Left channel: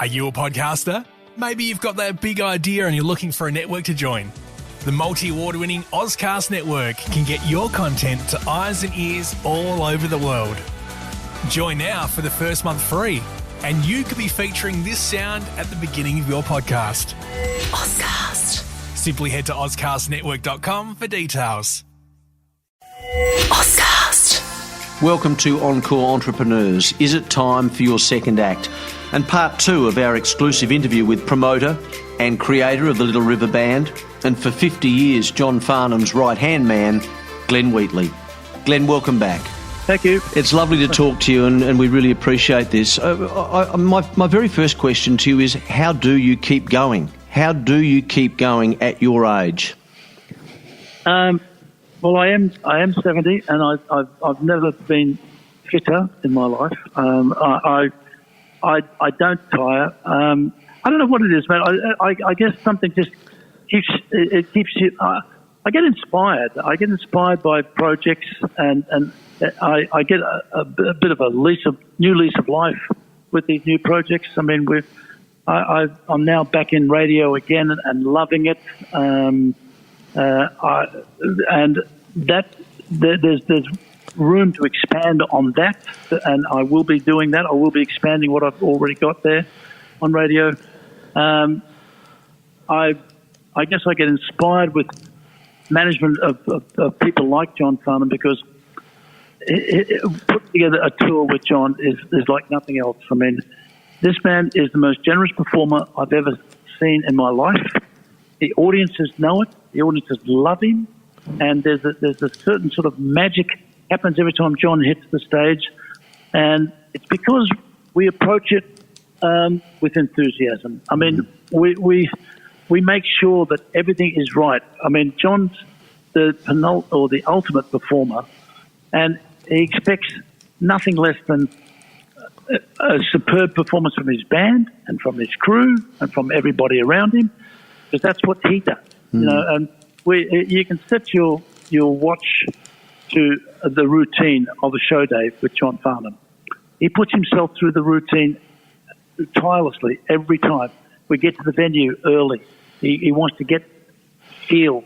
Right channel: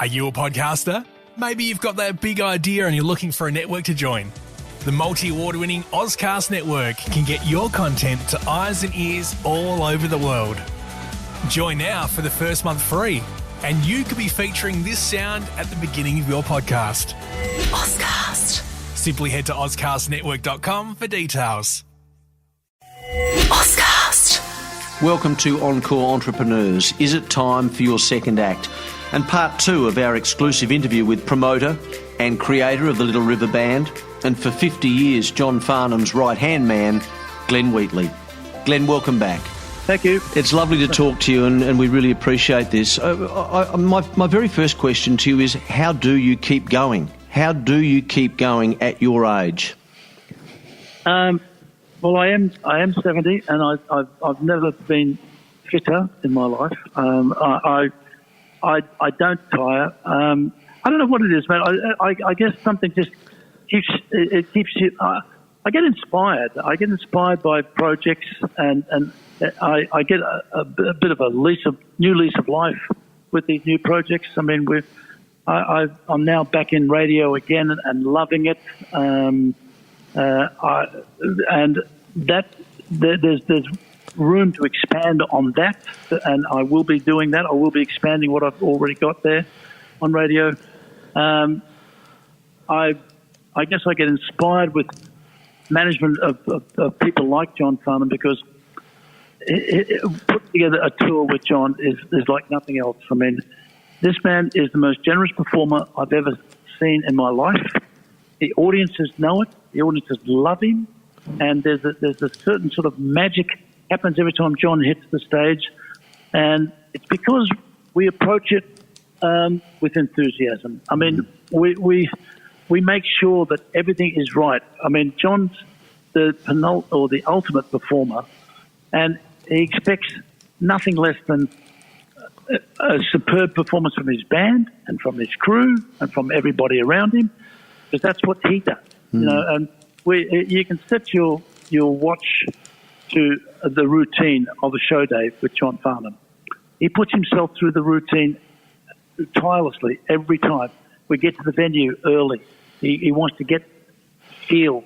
Are you a podcaster? Maybe you've got that big idea and you're looking for a network to join. The multi-award-winning Ozcast Network can get your content to eyes and ears all over the world. Join now for the first month free, and you could be featuring this sound at the beginning of your podcast. Ozcast. Simply head to ozcastnetwork.com for details. Ozcast. Welcome to Encore Entrepreneurs. Is it time for your second act? And part 2 of our exclusive interview with promoter and creator of the Little River Band, and for 50 years John Farnham's right-hand man, Glenn Wheatley. Glenn, welcome back. Thank you. It's lovely to talk to you, and we really appreciate this. My very first question to you is, how do you keep going? How do you keep going at your age? Well, I am 70, and I've never been fitter in my life. I don't tire. I don't know what it is, man. I guess something just keeps you. I get inspired. I get inspired by projects, and I get a bit of a new lease of life with these new projects. I mean, I'm now back in radio again and loving it. And that there's room to expand on that, and I will be doing that. I will be expanding what I've already got there on radio. I guess I get inspired with management of people like John Farnham, because putting together a tour with John is like nothing else. I mean, this man is the most generous performer I've ever seen in my life. The audiences know it. The audiences love him, and there's a certain sort of magic happens every time John hits the stage, and it's because we approach it with enthusiasm. I mean, we make sure that everything is right. I mean, John's the ultimate performer, and he expects nothing less than a superb performance from his band and from his crew and from everybody around him, because that's what he does. You know, and you can set your watch to the routine of a show day with John Farnham. He puts himself through the routine tirelessly every time. We get to the venue early. He wants to feel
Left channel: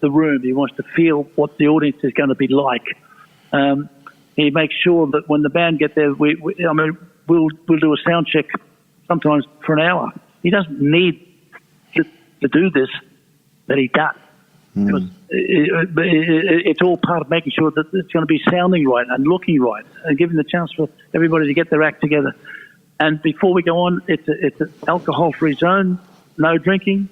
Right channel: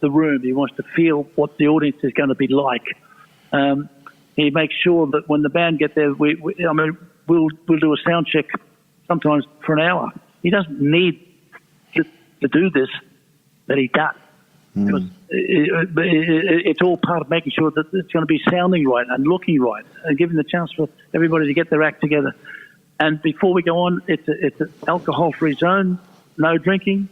the room. He wants to feel what the audience is going to be like. He makes sure that when the band get there, we'll do a sound check sometimes for an hour. He doesn't need to do this, but he does. Because it's all part of making sure that it's going to be sounding right and looking right, and giving the chance for everybody to get their act together. And before we go on, it's an alcohol-free zone, no drinking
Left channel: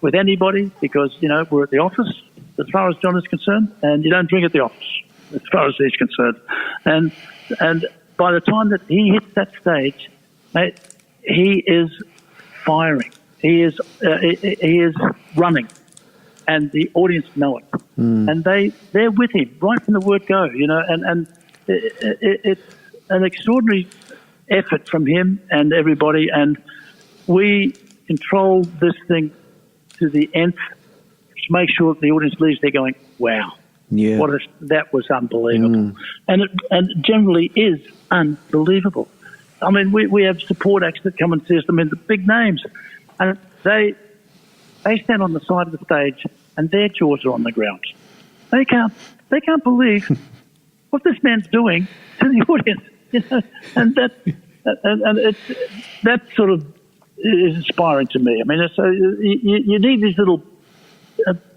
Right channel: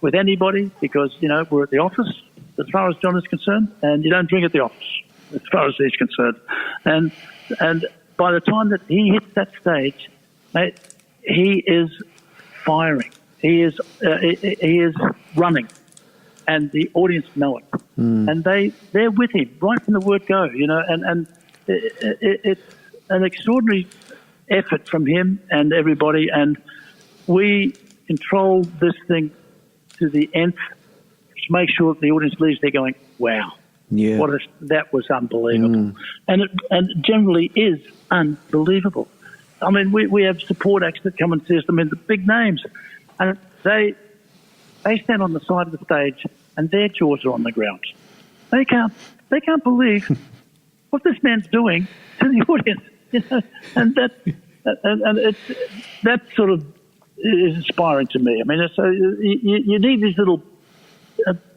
with anybody, because, you know, we're at the office as far as John is concerned, and you don't drink at the office as far as he's concerned. And by the time that he hits that stage, mate, he is firing. He is running. And the audience know it, and they're with him right from the word go, you know. And it's an extraordinary effort from him and everybody, and we control this thing to the nth to make sure that the audience leaves there going, "Wow, yeah, that was unbelievable," and it generally is unbelievable. I mean, we have support acts that come and see us. I mean, the big names, and they stand on the side of the stage and their jaws are on the ground. They can't believe what this man's doing to the audience, you know. And that sort of is inspiring to me. I mean, so you need these little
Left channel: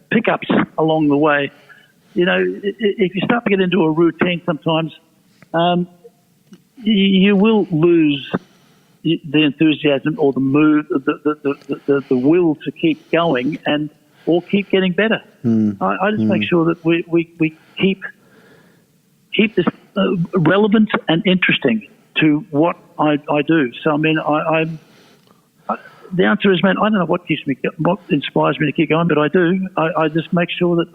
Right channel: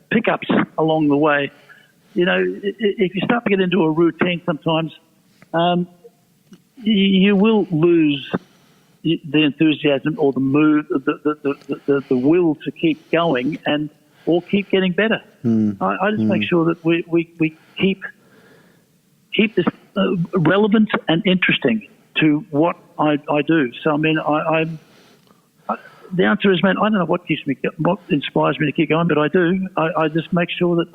pickups along the way. You know, if you start to get into a routine, sometimes you will lose the enthusiasm or the mood, the will to keep going or keep getting better. I just make sure that we keep this relevant and interesting to what I do. So I mean, the answer is, man, I don't know what inspires me to keep going, but I do. I just make sure that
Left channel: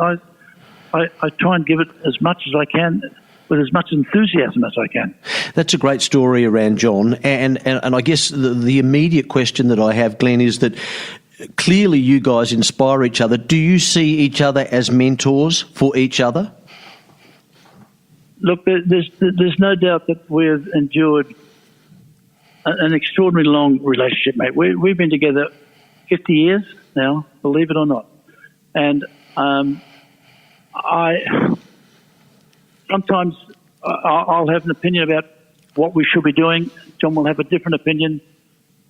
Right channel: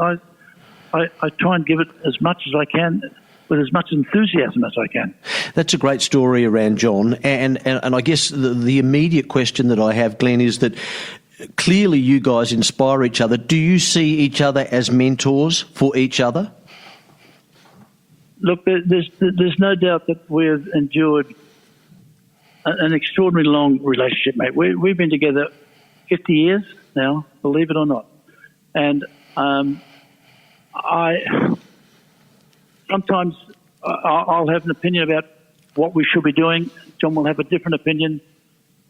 I try and give it as much as I can, with as much enthusiasm as I can. That's a great story around John. And I guess the immediate question that I have, Glenn, is that clearly you guys inspire each other. Do you see each other as mentors for each other? Look, there's no doubt that we've endured an extraordinary long relationship, mate. We've been together 50 years now, believe it or not. And sometimes I'll have an opinion about what we should be doing. John will have a different opinion.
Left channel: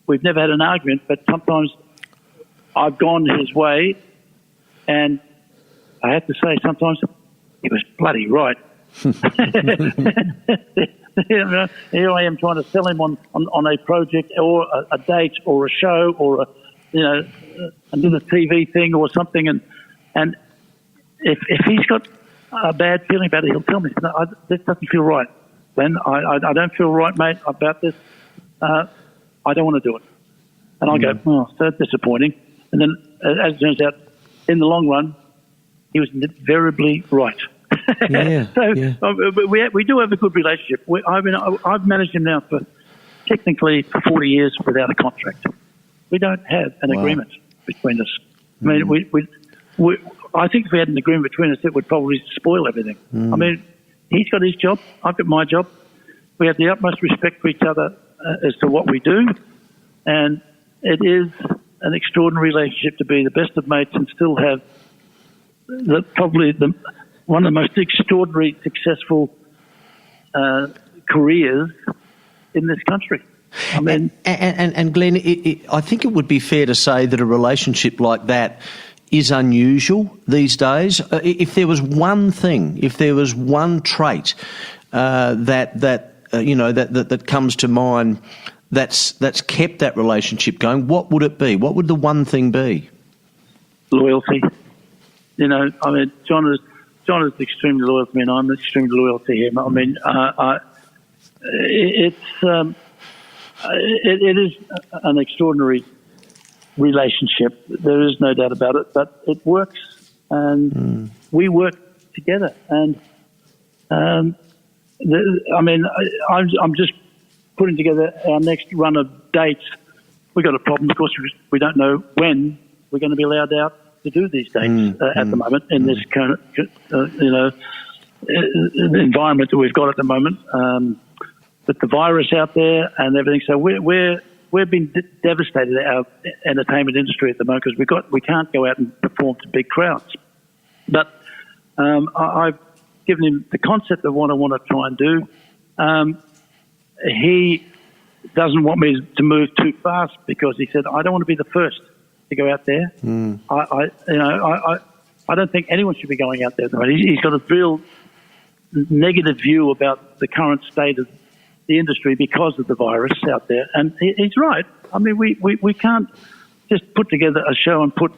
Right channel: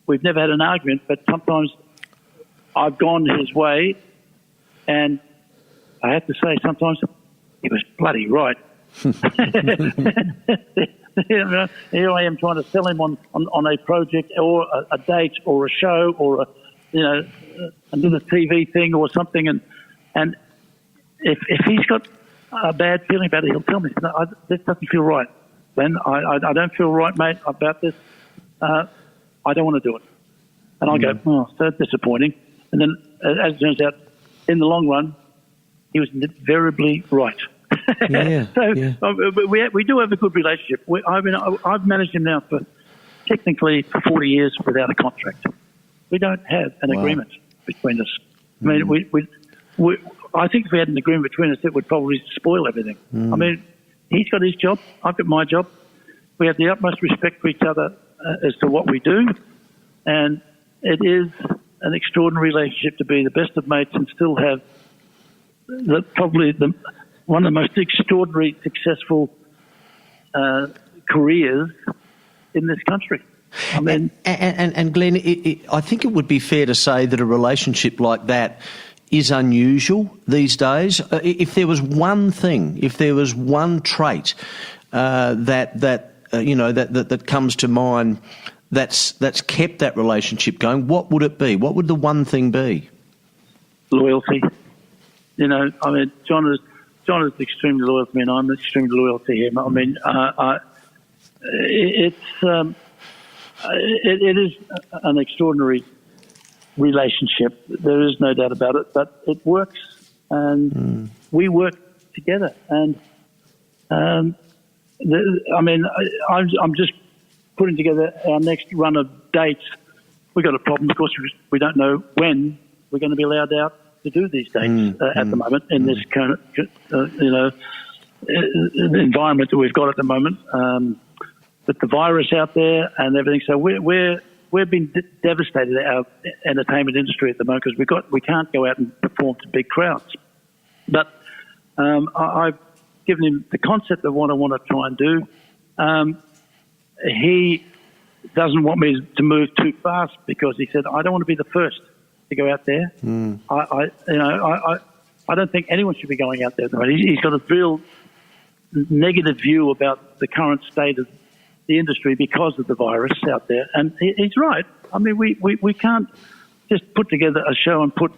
We've never had an argument, but sometimes I've gone his way, and I have to say sometimes he was bloody right. Here I am trying to sell him on a project or a date or a show or another TV thing or something, and if he's got a bad feeling about it, he'll tell me, no, this doesn't feel right. Then I don't feel right, mate, about this. I don't want to do it. And I go, oh, so disappointing. And then, as it turns out, in the long run, he was invariably right. Yeah, we do have a good relationship. I've managed him now for 40 years without a contract. We don't have an agreement between us. I mean, I think if we had an agreement between us, it would probably spoil everything. I mean, he's got his job, I've got my job. We have the utmost respect for each other as to what we do, and it is an extraordinary relationship to be the best of mates and still have one of the most extraordinary, successful careers in this country. I mean, and Glenn, I think it would be fair to say that a relationship like that is unusual these days. If there was one thing, if there was one trait that comes to mind that's kept that relationship going, what would it be? What would the one thing be? Loyalty. I mean, John is extremely loyal to me, and I'm extremely loyal to him. I mean, it is an extraordinary relationship. There is no doubt about it, but it works, and we work together. And I'm just putting together our next run of dates. We've got a problem, of course. We don't know when we're going to be allowed out to do these dates at the moment in this kind of, environment that we've got at the moment. With the virus out there and everything, so we've been devastated, our entertainment industry at the moment, because we can't go out and perform to big crowds. But I've given him the concept of what I want to try and do. He doesn't want me to move too fast because he said, I don't want to be the first to go out there. I don't think anyone should be going out there at the moment. He's got a real negative view about the current state of the industry because of the virus out there, and he's right. I mean, we can't just put together a show and put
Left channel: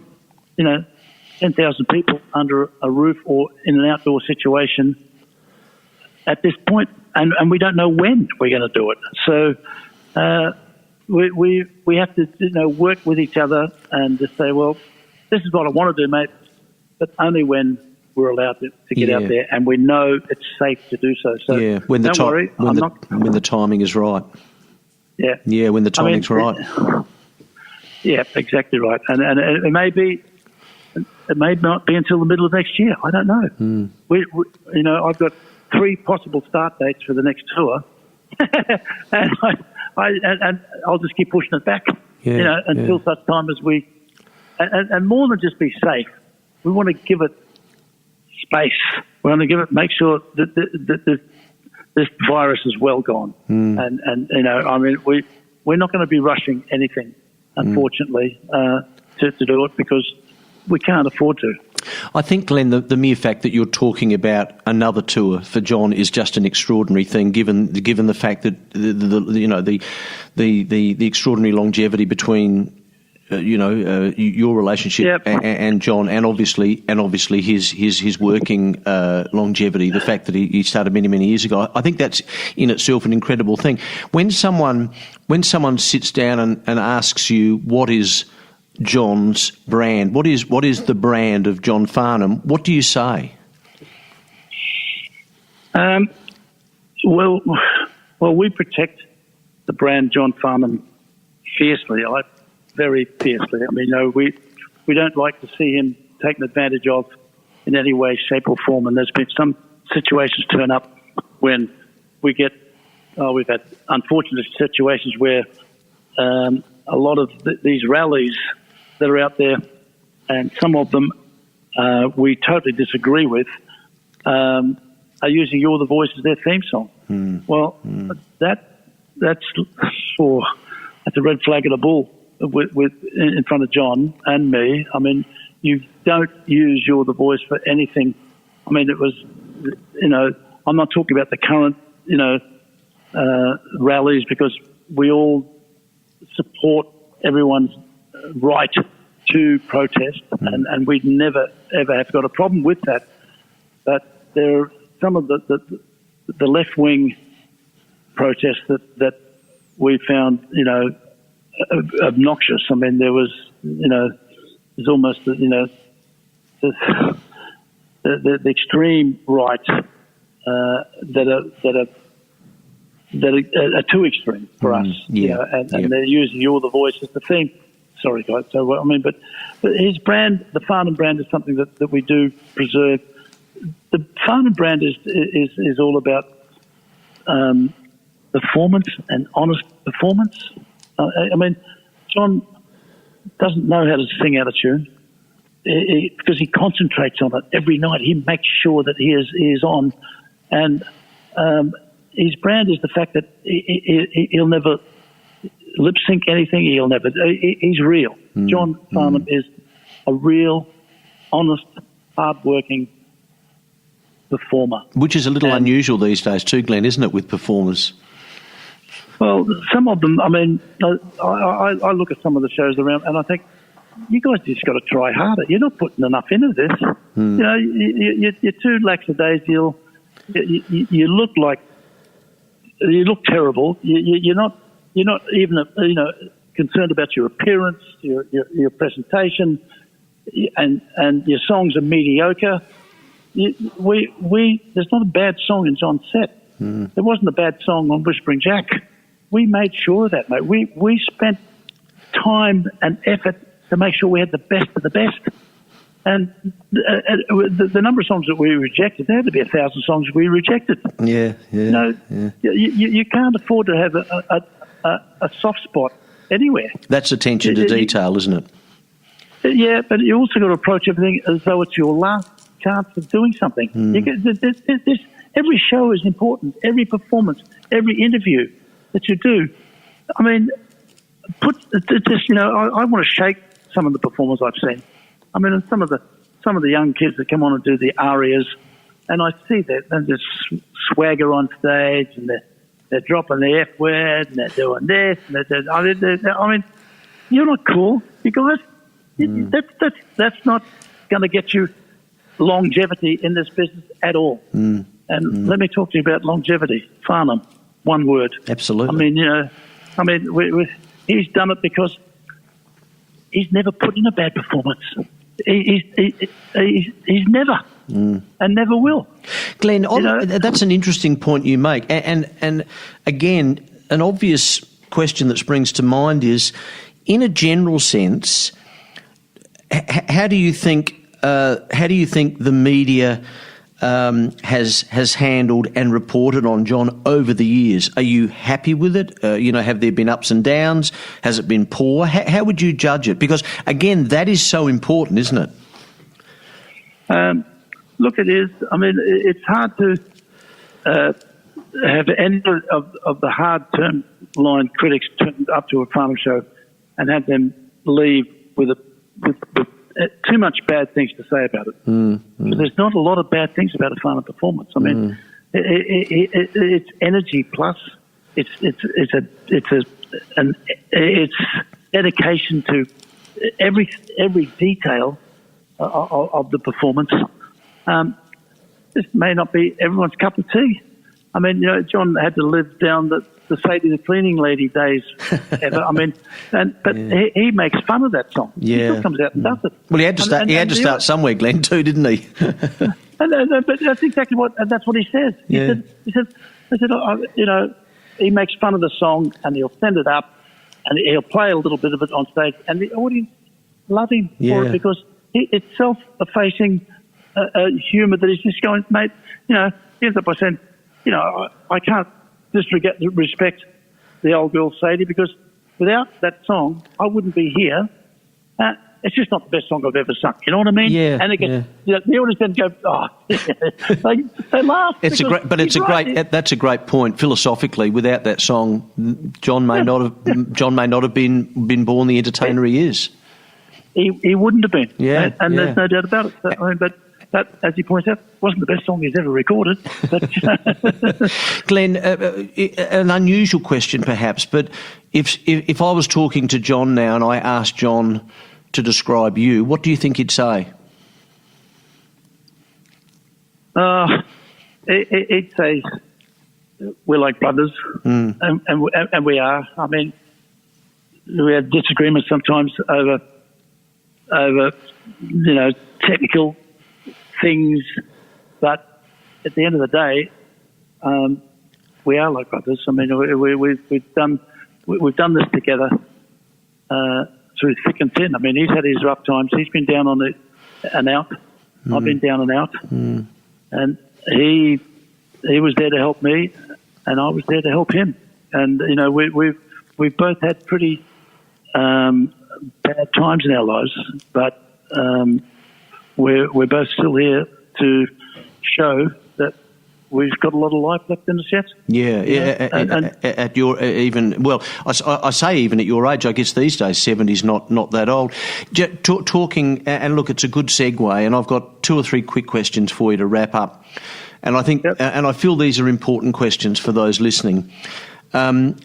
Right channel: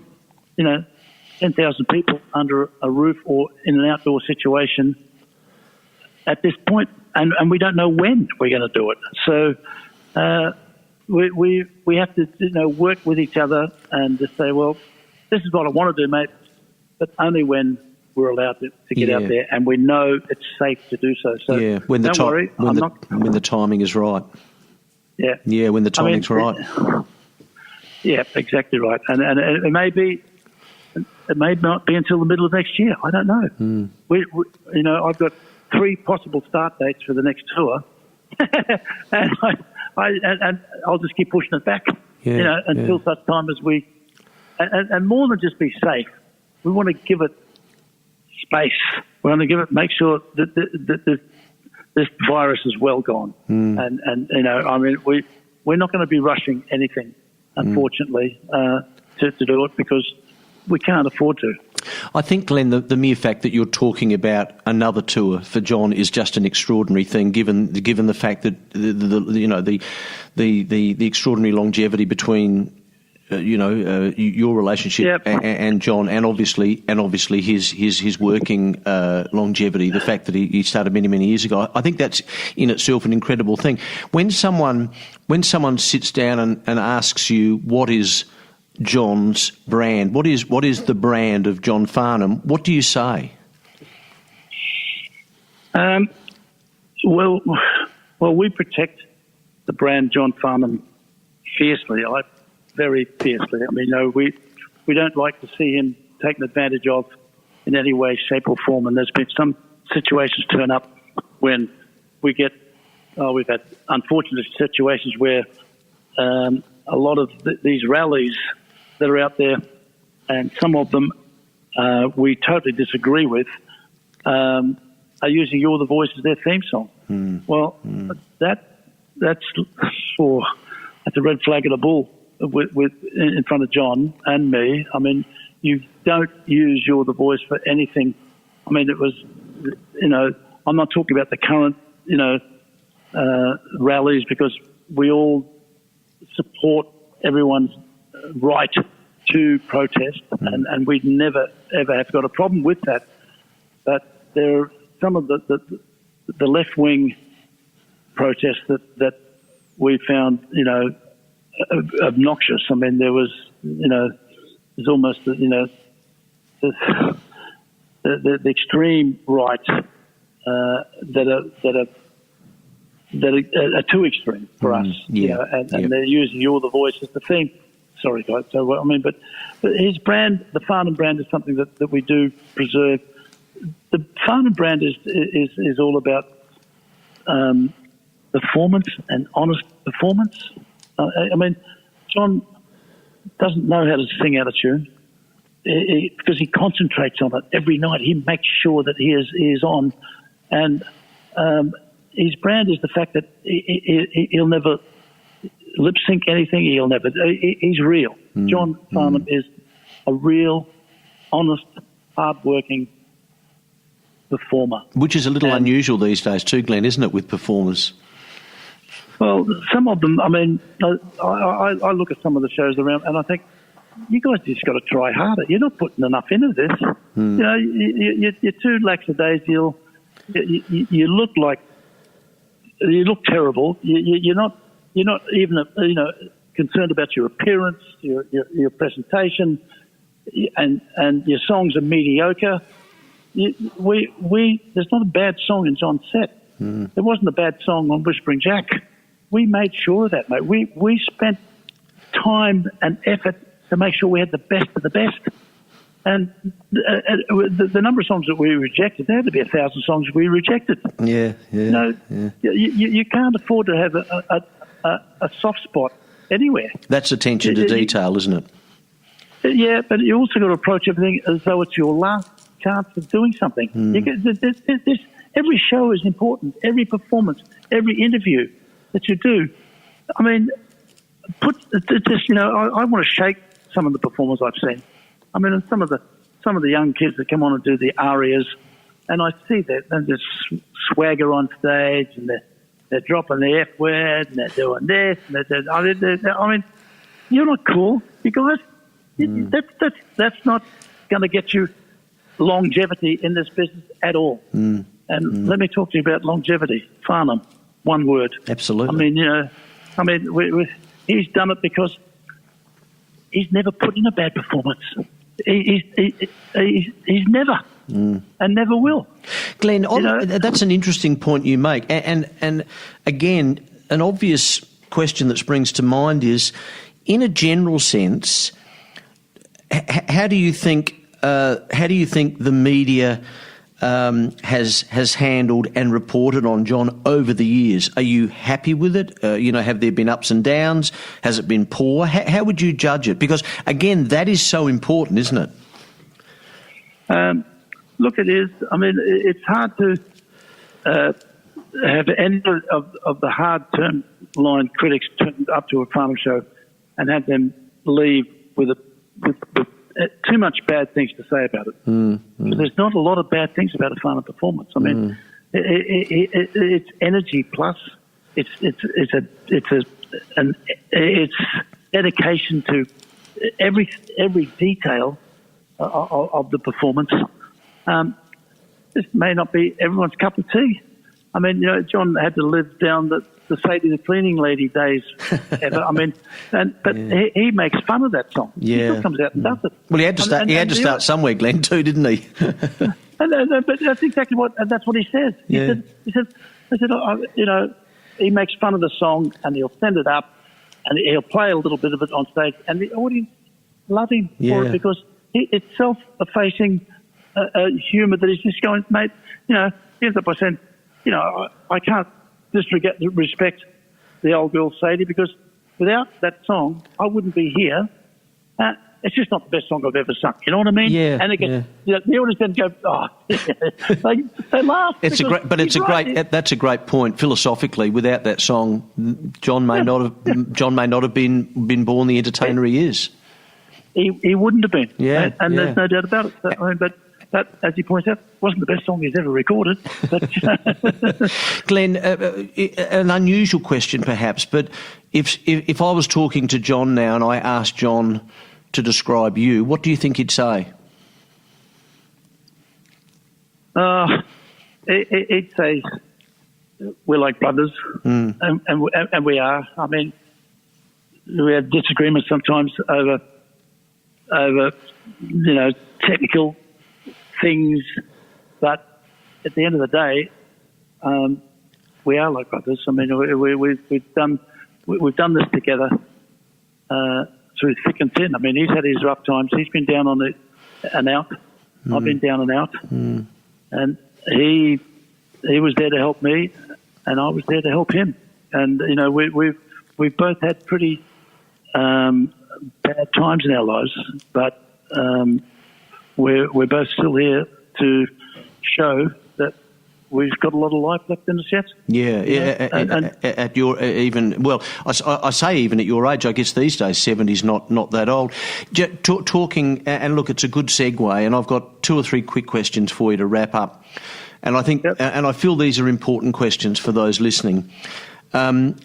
10,000 people under a roof or in an outdoor situation at this point, and we don't know when we're going to do it. So we have to work with each other and just say, well, this is what I want to do, mate, but only when we're allowed to get out there and we know it's safe to do so. So when the don't worry, when the timing is right. Yeah, when the timing's right. Yeah, exactly right. And it may not be until the middle of next year. I don't know. We I've got 3 possible start dates for the next tour, and I'll just keep pushing it back. Until such time as we, and more than just be safe, we want to give it space. We want to make sure that this virus is well gone. And I mean, we're not going to be rushing anything, unfortunately, to do it because we can't afford to. I think, Glenn, the mere fact that you're talking about another tour for John is just an extraordinary thing, given the fact that the extraordinary longevity between your relationship and John, and obviously his working longevity. The fact that he started many years ago, I think that's in itself an incredible thing. When someone sits down and asks you what is John's brand, what is the brand of John Farnham, what do you say? Well, we protect the brand John Farnham fiercely. Very fiercely. I mean, we don't like to see him taken advantage of in any way, shape or form. And there's been some situations turn up when we get we've had unfortunate situations where a lot of these rallies that are out there, and some of them we totally disagree with, are using "You're the Voice" as their theme song. That's a red flag and a bull in front of John and me. I mean, you don't use "You're the Voice" for anything. I mean, it was, I'm not talking about the current, rallies, because we all support everyone's right to protest, and we'd never ever have got a problem with that. But there are some of the left wing protests that we found, obnoxious. I mean, there was, there's almost, the extreme right that are too extreme for us. And they're using "You're the Voice" as the theme. Sorry, guys. So I mean, but his brand, the Farnham brand, is something that we do preserve. The Farnham brand is all about performance and honest performance. I mean, John doesn't know how to sing out of tune because he concentrates on it every night. He makes sure that he is on, and his brand is the fact that he'll never lip sync anything. He'll never. He's real. John Farnham is a real, honest, hard-working performer. Which is a little unusual these days too, Glenn, isn't it, with performers? Well, some of them, I mean, I look at some of the shows around and I think, you guys just got to try harder. You're not putting enough into this. You're too lackadaisical. You look like, you look terrible. You're not even, concerned about your appearance, your presentation, and your songs are mediocre. There's not a bad song in John's set. There wasn't a bad song on Whispering Jack. We made sure of that, mate. We spent time and effort to make sure we had the best of the best. And the number of songs that we rejected, there had to be 1,000 songs we rejected. You can't afford to have a soft spot anywhere. That's attention to detail, isn't it? Yeah, but you also got to approach everything as though it's your last chance of doing something. Every show is important. Every performance, every interview that you do. I mean, I want to shake some of the performers I've seen. I mean, some of the young kids that come on and do the arias, and I see that and there's swagger on stage, and they're dropping the F word, and they're doing this, and I mean, you're not cool, you guys. That's not going to get you longevity in this business at all. And let me talk to you about longevity. Farnham, one word. Absolutely. I mean, he's done it because he's never put in a bad performance. He's never and never will. Glenn, that's an interesting point you make. And again, an obvious question that springs to mind is, in a general sense, how do you think the media has handled and reported on John over the years? Are you happy with it? Have there been ups and downs? Has it been poor? How would you judge it? Because, again, that is so important, isn't it? Look, it is. I mean, it's hard to have any of the hard-turn line critics turn up to a Farnham show and have them leave with too much bad things to say about it. But there's not a lot of bad things about a Farnham performance. I mean, it's energy plus. It's dedication to every detail of the performance. This may not be everyone's cup of tea. I mean, John had to live down the Sadie the Cleaning Lady days ever. I mean, but he makes fun of that song. Yeah. He still comes out and does it. Well, he had to start somewhere, Glenn, too, didn't he? But that's exactly that's what he says. He said, he makes fun of the song and he'll send it up and he'll play a little bit of it on stage, and the audience love him for it because it's self-effacing humour that he's just going, mate. He ends up by saying, I can't respect the old girl Sadie, because without that song, I wouldn't be here. It's just not the best song I've ever sung. You know what I mean? Yeah. And the audience then go, oh, they laugh. That's a great point. Philosophically, without that song, John may not have been born the entertainer he is. He wouldn't have been. Yeah. And there's no doubt about it. But that, as he points out, wasn't the best song he's ever recorded. But, Glenn, an unusual question perhaps, but if I was talking to John now and I asked John to describe you, what do you think he'd say? He'd say we're like brothers, and we are. I mean, we have disagreements sometimes over technical things, but at the end of the day, we are like brothers. I mean, we've done this together through thick and thin. I mean, he's had his rough times. He's been down on and out. I've been down and out, and he was there to help me, and I was there to help him. And we've both had pretty bad times in our lives, but we're both still here to show that we've got a lot of life left in us yet. At your I say even at your age, I guess these days 70's not that old. Talking and look, it's a good segue, and I've got 2 or 3 quick questions for you to wrap up. And I think, and I feel these are important questions for those listening.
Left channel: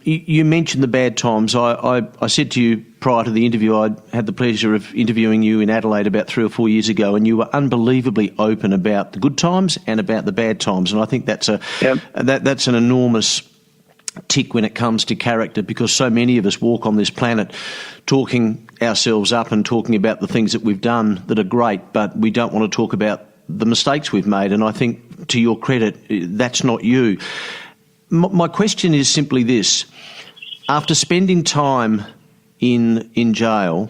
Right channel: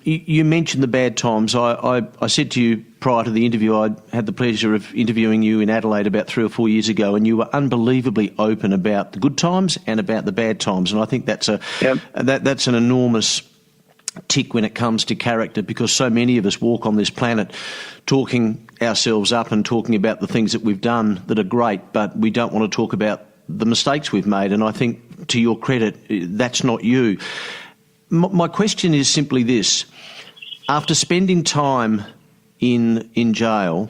You mentioned the bad times. I said to you prior to the interview, I had the pleasure of interviewing you in Adelaide about 3 or 4 years ago, and you were unbelievably open about the good times and about the bad times. And I think that's that's an enormous tick when it comes to character, because so many of us walk on this planet talking ourselves up and talking about the things that we've done that are great, but we don't want to talk about the mistakes we've made. And I think, to your credit, that's not you. My question is simply this. After spending time in jail,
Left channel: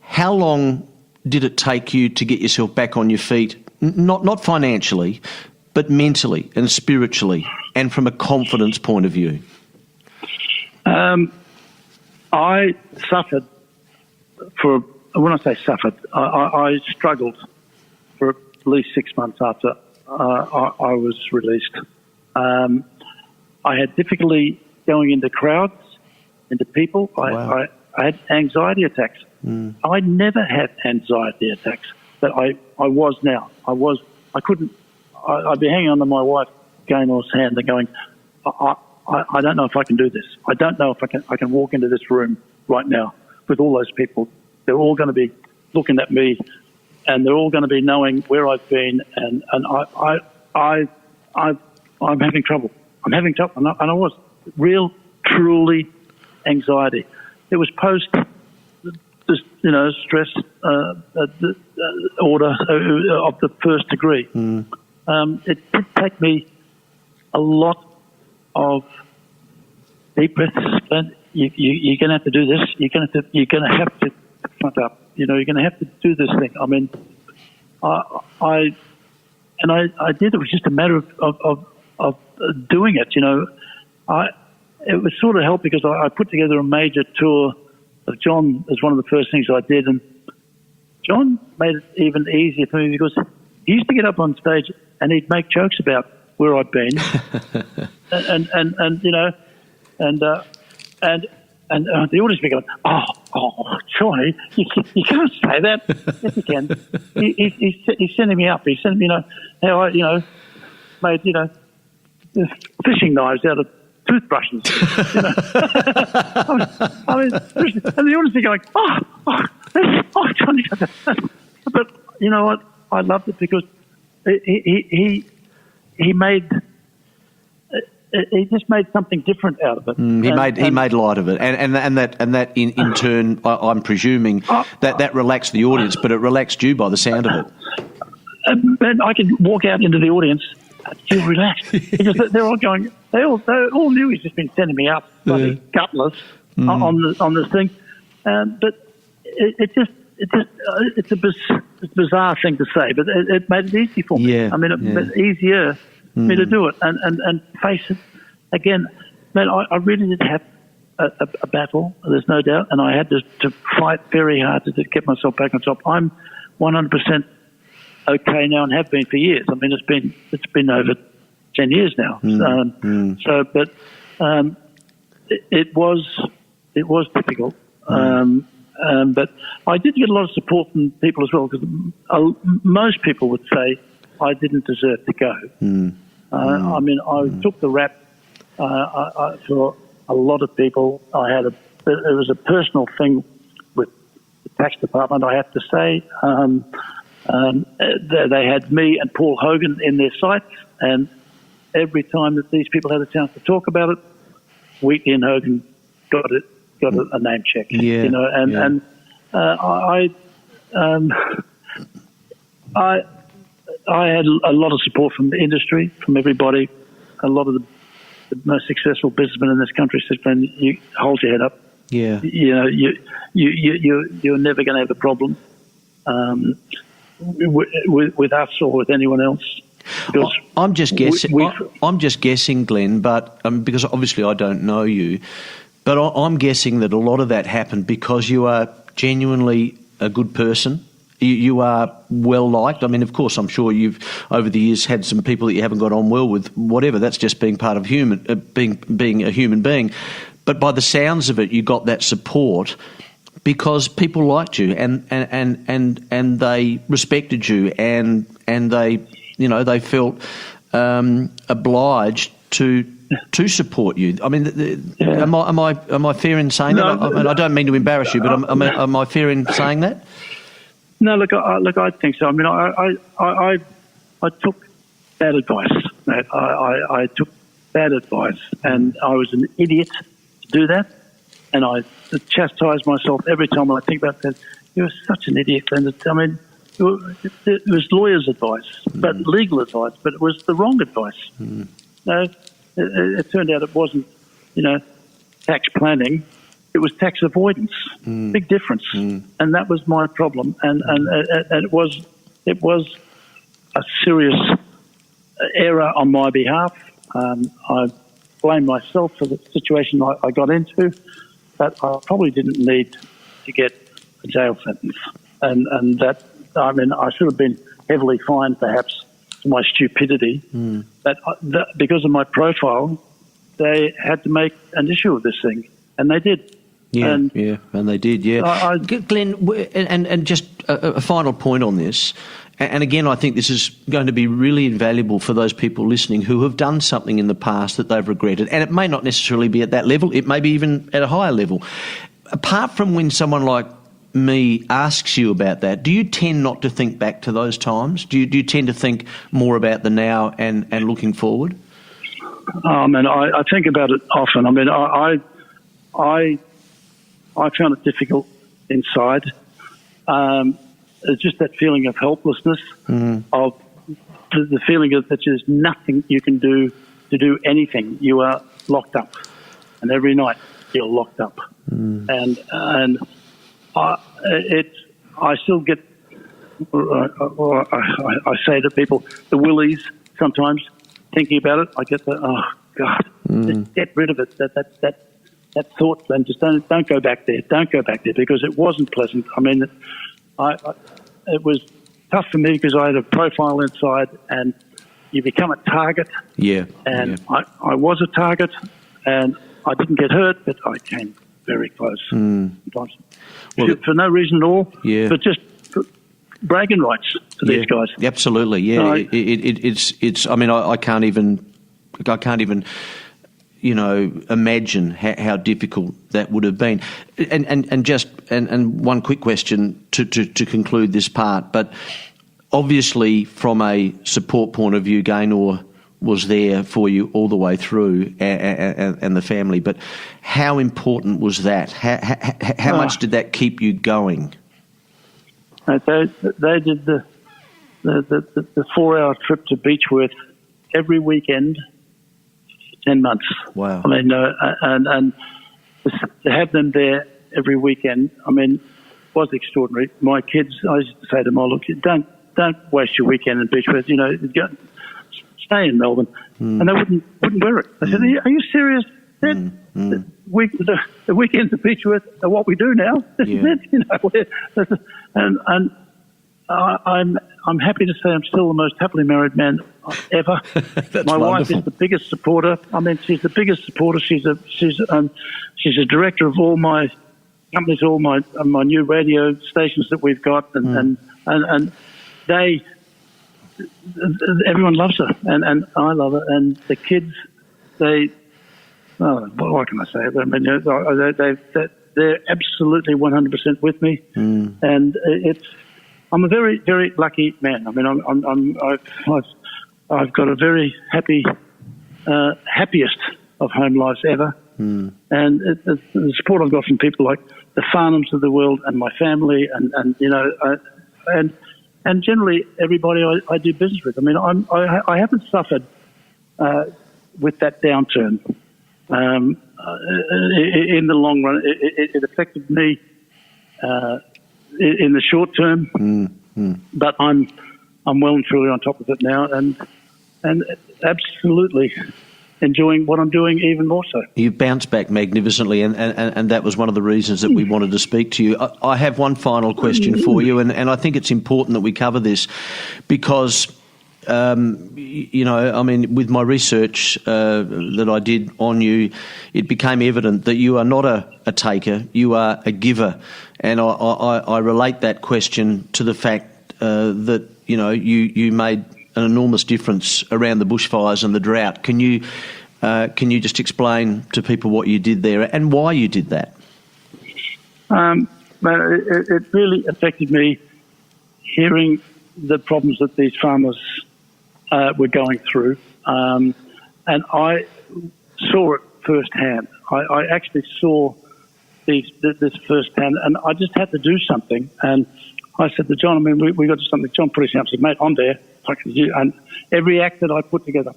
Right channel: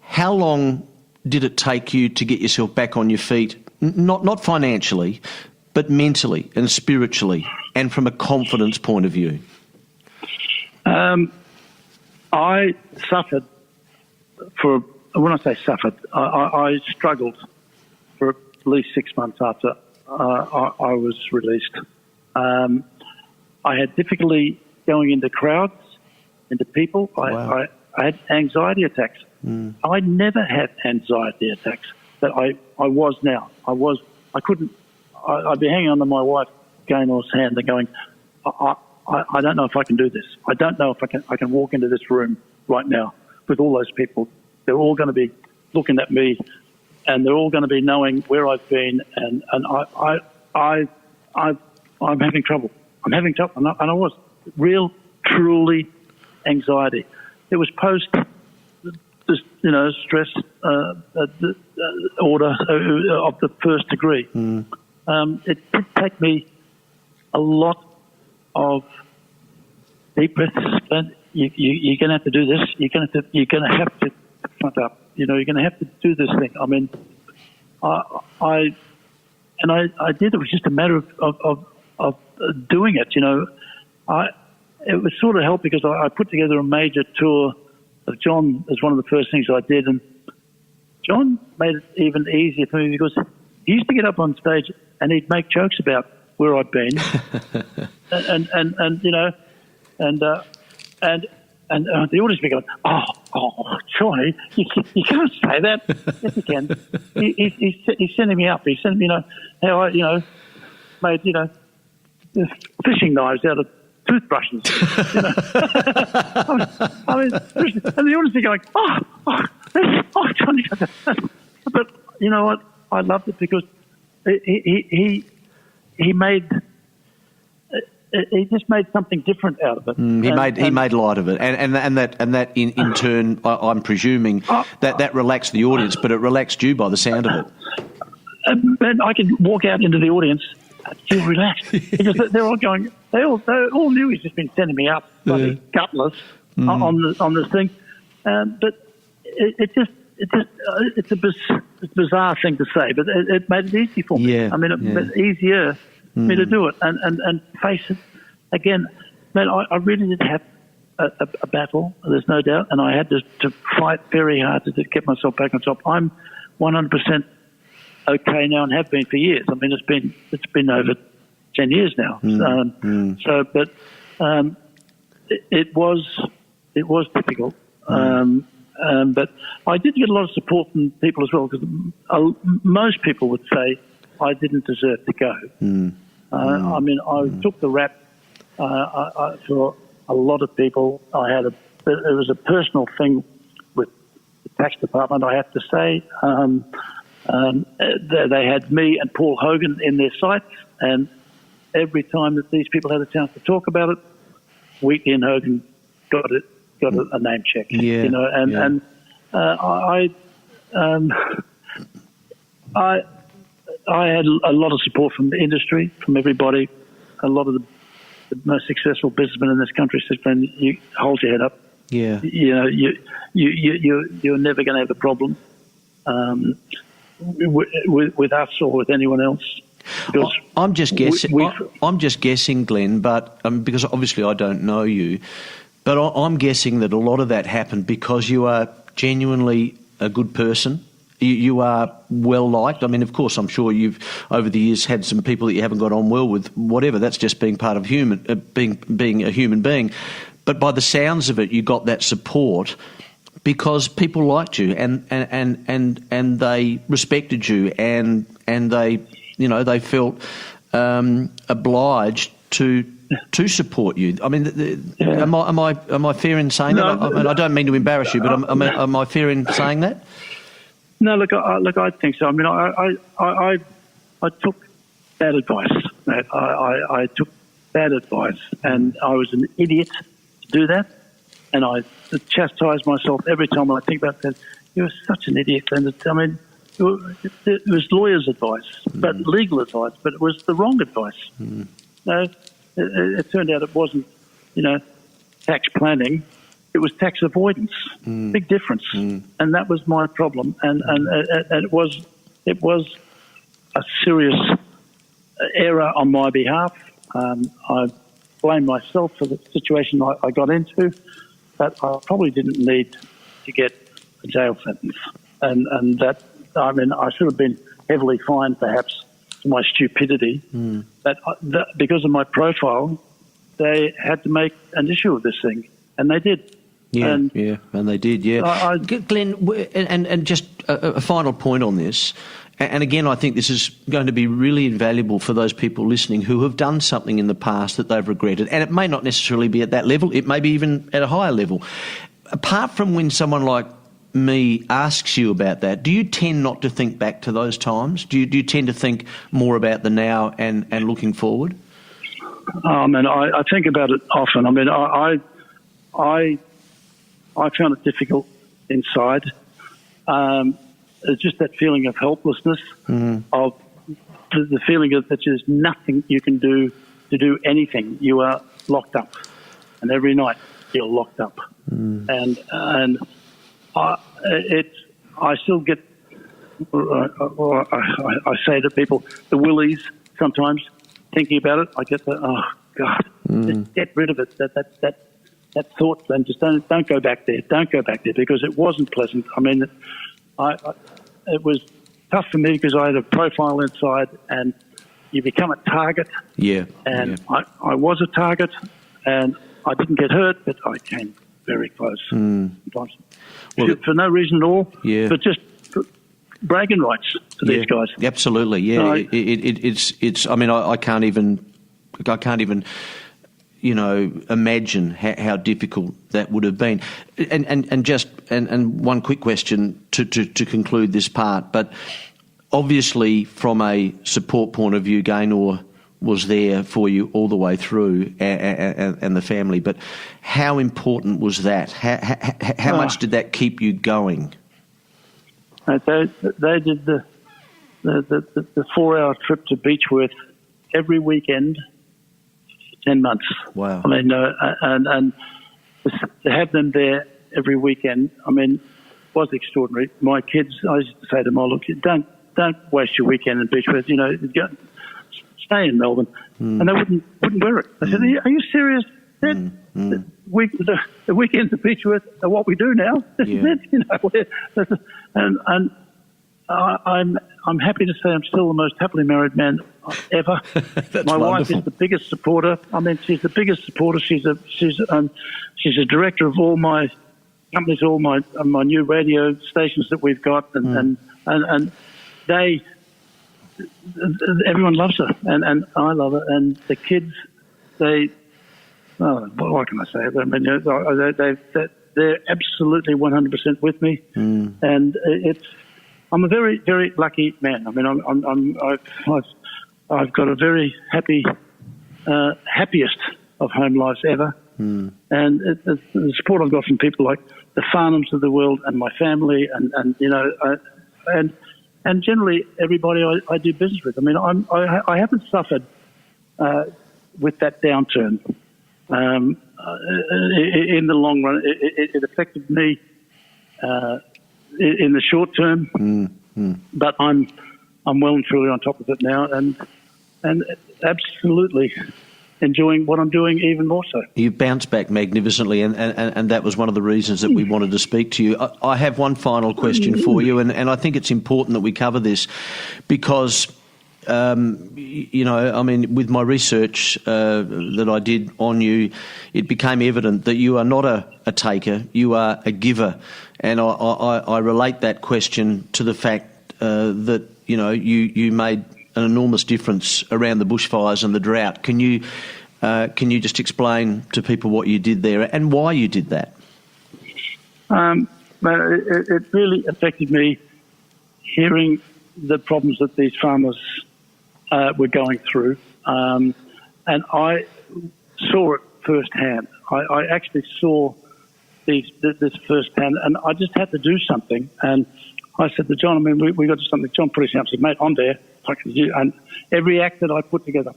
how long did it take you to get yourself back on your feet, not financially, but mentally and spiritually and from a confidence point of view? I suffered when I say suffered, I struggled for at least 6 months after I was released. I had difficulty going into crowds, into people. Wow. I had anxiety attacks. I never had anxiety attacks, but I was now. I couldn't. I'd be hanging on to my wife, Gaynor's hand, and going, I don't know if I can do this. I don't know if I can walk into this room right now with all those people. They're all going to be looking at me, and they're all going to be knowing where I've been, and I'm having trouble. I'm having trouble, and I was real, truly anxiety. It was post, stress order of the first degree. It did take me a lot of deep breaths. And you're going to have to do this. You're going to have to front up. You're going to have to do this thing. I mean, I did. It was just a matter of doing it. It was sort of helped because I put together a major tour of John as one of the first things I did, and John made it even easier for me because he used to get up on stage and he'd make jokes about where I'd been, and the audience would be going, oh, Johnny, you can't say that. Yes, you can. He's sending me up. He's sending me, how I, made, fishing knives out of toothbrushes. I mean, and the audience are going, oh, Johnny. But you know what? I loved it because he just made something different out of it. He made light of it, and that in turn, I'm presuming that relaxed the audience, but it relaxed you by the sound of it. And I can walk out into the audience and feel relaxed because they're all going. They all knew he's just been sending me up like gutless on this thing, but it's a bizarre thing to say, but it made it easy for me. Yeah, I mean, it made it easier for me to do it and face it again, man, I really did have a battle. There's no doubt, and I had to fight very hard to get myself back on top. I'm 100% okay now, and have been for years. I mean, it's been over 10 years now. It was difficult. But I did get a lot of support from people as well, because most people would say I didn't deserve to go. I mean, I took the rap for a lot of people. It was a personal thing with the tax department, I have to say. They had me and Paul Hogan in their sights, and every time that these people had a chance to talk about it, Wheatley and Hogan got a name check. Yeah, you know, and I had a lot of support from the industry, from everybody. A lot of the most successful businessmen in this country said, "Man, you hold your head up. Yeah, You know, you're never going to have a problem with us or with anyone else." Because I'm just guessing. I'm just guessing, Glenn, but because obviously I don't know you, but I'm guessing that a lot of that happened because you are genuinely a good person. You are well liked. I mean, of course, I'm sure you've over the years had some people that you haven't got on well with. Whatever, that's just being part of being a human being. But by the sounds of it, you got that support because people liked you and they respected you and they, you know, they felt obliged to support you. I mean, am I fair in saying that? I don't mean to embarrass you, but am I fair in saying that? No, look, I think so. I mean, I took bad advice. I took bad advice, and I was an idiot to do that. And I chastise myself every time I think about that. You're such an idiot. And I mean, it was lawyers' advice, but legal advice, but it was the wrong advice. No, it turned out it wasn't, you know, tax planning. It was tax avoidance. Big difference. And that was my problem. And it was a serious error on my behalf. I blame myself for the situation I got into, but I probably didn't need to get a jail sentence. And that, I mean, I should have been heavily fined perhaps for my stupidity. But because of my profile, they had to make an issue of this thing. And they did. And they did, Glenn, and just a final point on this, and again, I think this is going to be really invaluable for those people listening who have done something in the past that they've regretted, and it may not necessarily be at that level, it may be even at a higher level. Apart from when someone like me asks you about that, do you tend not to think back to those times? Do you tend to think more about the now and looking forward? And I think about it often. I mean, I found it difficult inside. It's just that feeling of helplessness, of the feeling of that there's nothing you can do to do anything. You are locked up, and every night you're locked up. And I still get. I say to people, the willies sometimes thinking about it. I get the just get rid of it. That thought, and just don't go back there. Don't go back there because it wasn't pleasant. I mean, it was tough for me because I had a profile inside, and you become a target. I was a target, and I didn't get hurt, but I came very close. Well, for no reason at all, but just bragging rights to these guys. Absolutely, it's. I mean, I can't even. You know, imagine how difficult that would have been. And one quick question to conclude this part. But obviously, from a support point of view, Gaynor was there for you all the way through, and the family. But how important was that? How much did that keep you going? They did the 4-hour trip to Beechworth every weekend. 10 months. Wow. I mean, and to have them there every weekend, I mean, was extraordinary. My kids, I used to say to them, "Oh, look, don't waste your weekend in Beechworth. You know, stay in Melbourne. and they wouldn't wear it. I said, "Are you serious? The weekends at Beechworth are what we do now. This is it, you know." And I'm happy to say I'm still the most happily married man ever. My wife is the biggest supporter. I mean, she's the biggest supporter. She's a director of all my companies, all my new radio stations that we've got, and they. Everyone loves her, and I love her, and the kids, what can I say? I mean, they're absolutely 100% with me, and I'm a very, very lucky man. I mean, I've got a very happiest of home lives ever, and the support I've got from people like the Farnhams of the world and my family, and you know, and generally everybody I do business with. I mean, I haven't suffered with that downturn. In the long run, it affected me in the short term, but I'm well and truly on top of it now, and absolutely enjoying what I'm doing even more so. You bounced back magnificently, and that was one of the reasons that we wanted to speak to you. I have one final question for you, and I think it's important that we cover this because, you know, I mean, with my research that I did on you, it became evident that you are not a taker, you are a giver. And I relate that question to the fact that, you know, you made an enormous difference around the bushfires and the drought. Can you just explain to people what you did there and why you did that? It really affected me hearing the problems that these farmers were going through, and I saw it firsthand. I actually saw this firsthand, and I just had to do something. And I said to John, I mean, we got to something. John put his hand up and said, "Mate, I'm there." And every act that I put together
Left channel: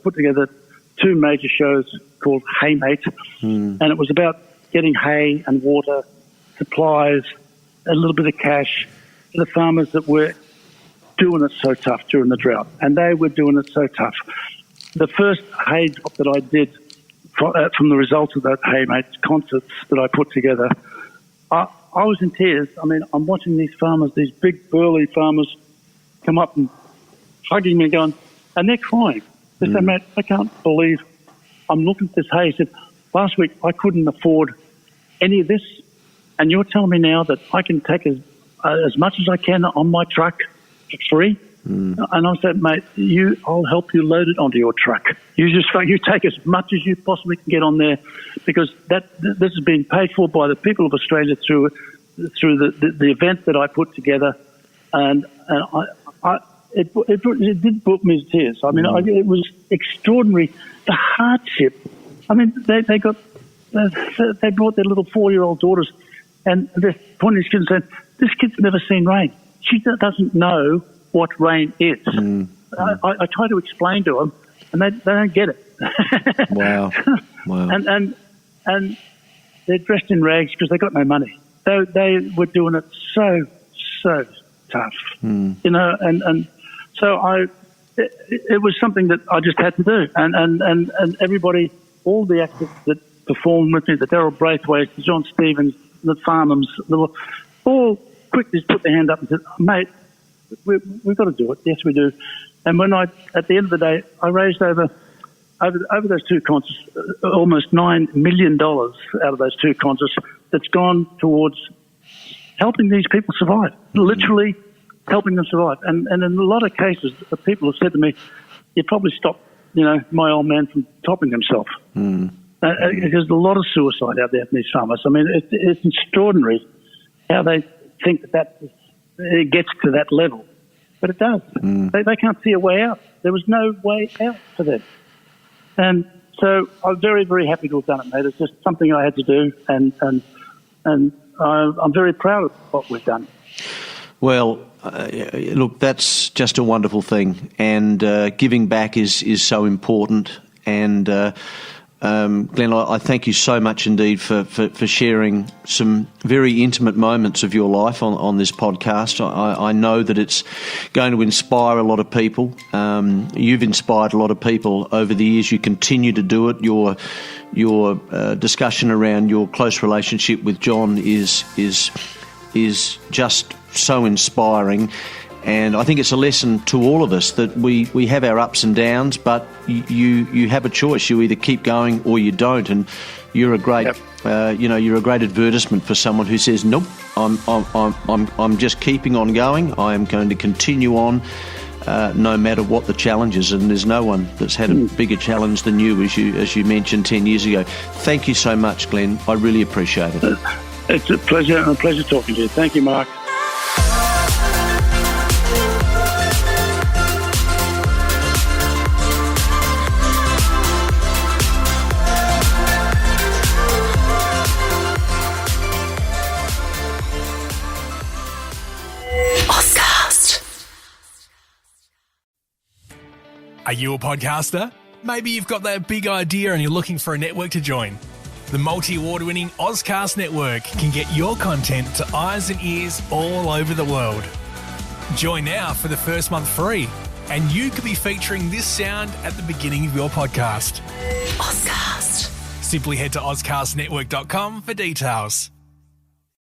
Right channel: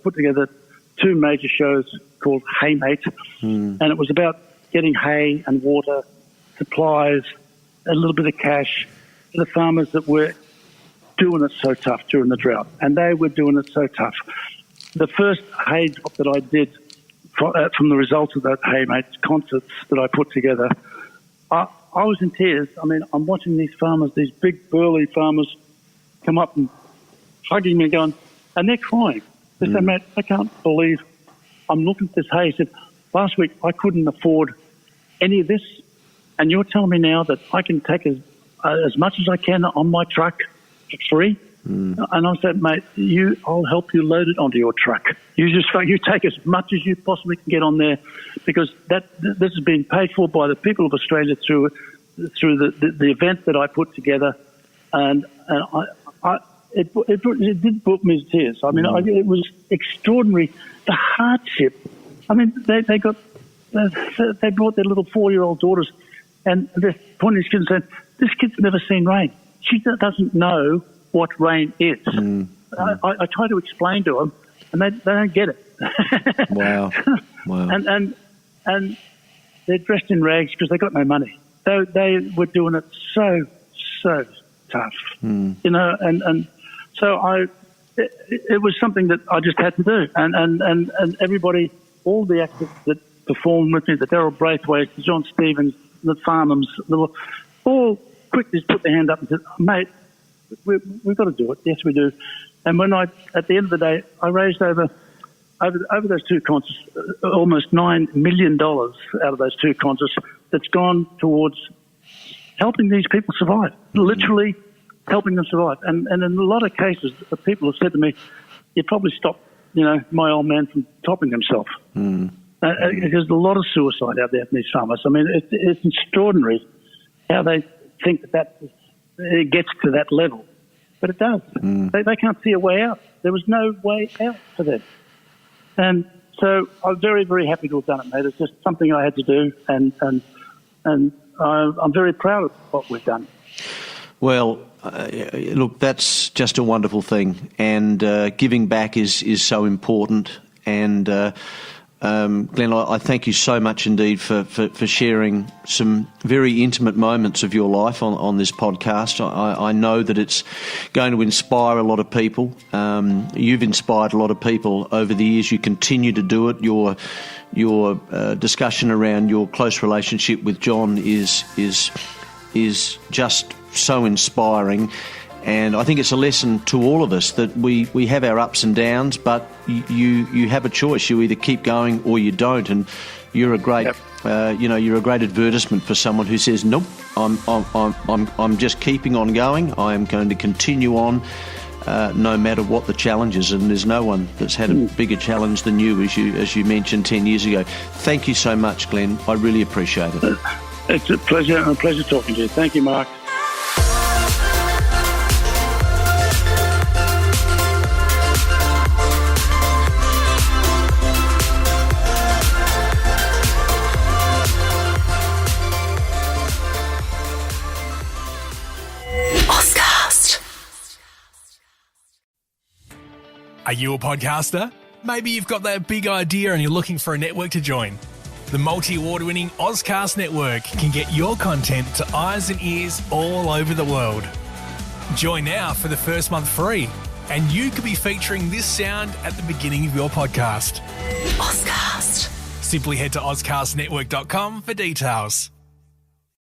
2 major shows called Hay Mate, and it was about getting hay and water, supplies, a little bit of cash to the farmers that were doing it so tough during the drought, and they were doing it so tough. The first hay drop that I did from the results of that Hay Mate concerts that I put together, I was in tears. I mean, I'm watching these farmers, these big burly farmers, come up and hugging me, going, and they're crying. They say, "Mate, I can't believe I'm looking at this hay." He said, "Last week I couldn't afford any of this, and you're telling me now that I can take as much as I can on my truck for free?" And I said, "Mate, I'll help you load it onto your truck. You take as much as you possibly can get on there, because this has been paid for by the people of Australia through the event that I put together, and it did put me to tears. I mean, it was extraordinary, the hardship. I mean, they brought their little 4-year-old daughters, and they're pointing at these kids and saying, "This kid's never seen rain. She doesn't know what rain is." I try to explain to them, and they don't get it. Wow. And they're dressed in rags because they got no money. They were doing it so tough, you know, and so it was something that I just had to do, and everybody, all the actors that performed with me, the Daryl Braithwaite, the John Stevens, the Farnhams, all quickly put their hand up and said, "Mate, we've got to do it." Yes, we do. And when at the end of the day, I raised over those 2 concerts, almost $9 million out of those 2 concerts that's gone towards helping these people survive, literally helping them survive. And in a lot of cases, the people have said to me, "You probably stopped, you know, my old man from topping himself." There's a lot of suicide out there in these farmers. I mean, it's extraordinary how they think that it gets to that level. But it does. They can't see a way out. There was no way out for them. And so I'm very, very happy to have done it, mate. It's just something I had to do, and I'm very proud of what we've done. Well, look, that's just a wonderful thing, and giving back is so important. And Glenn, I thank you so much indeed for sharing some very intimate moments of your life on this podcast. I know that it's going to inspire a lot of people. You've inspired a lot of people over the years. You continue to do it. Your discussion around your close relationship with John is just so inspiring. And I think it's a lesson to all of us that we have our ups and downs, but you have a choice. You either keep going or you don't. And you're a great, you're a great advertisement for someone who says, nope, I'm just keeping on going. I am going to continue on, no matter what the challenge is. And there's no one that's had a bigger challenge than you, as you mentioned 10 years ago. Thank you so much, Glenn. I really appreciate it. It's a pleasure talking to you. Thank you, Mark. Are you a podcaster? Maybe you've got that big idea and you're looking for a network to join. The multi-award-winning Ozcast Network can get your content to eyes and ears all over the world. Join now for the first month free, and you could be featuring this sound at the beginning of your podcast. Ozcast. Simply head to ozcastnetwork.com for details.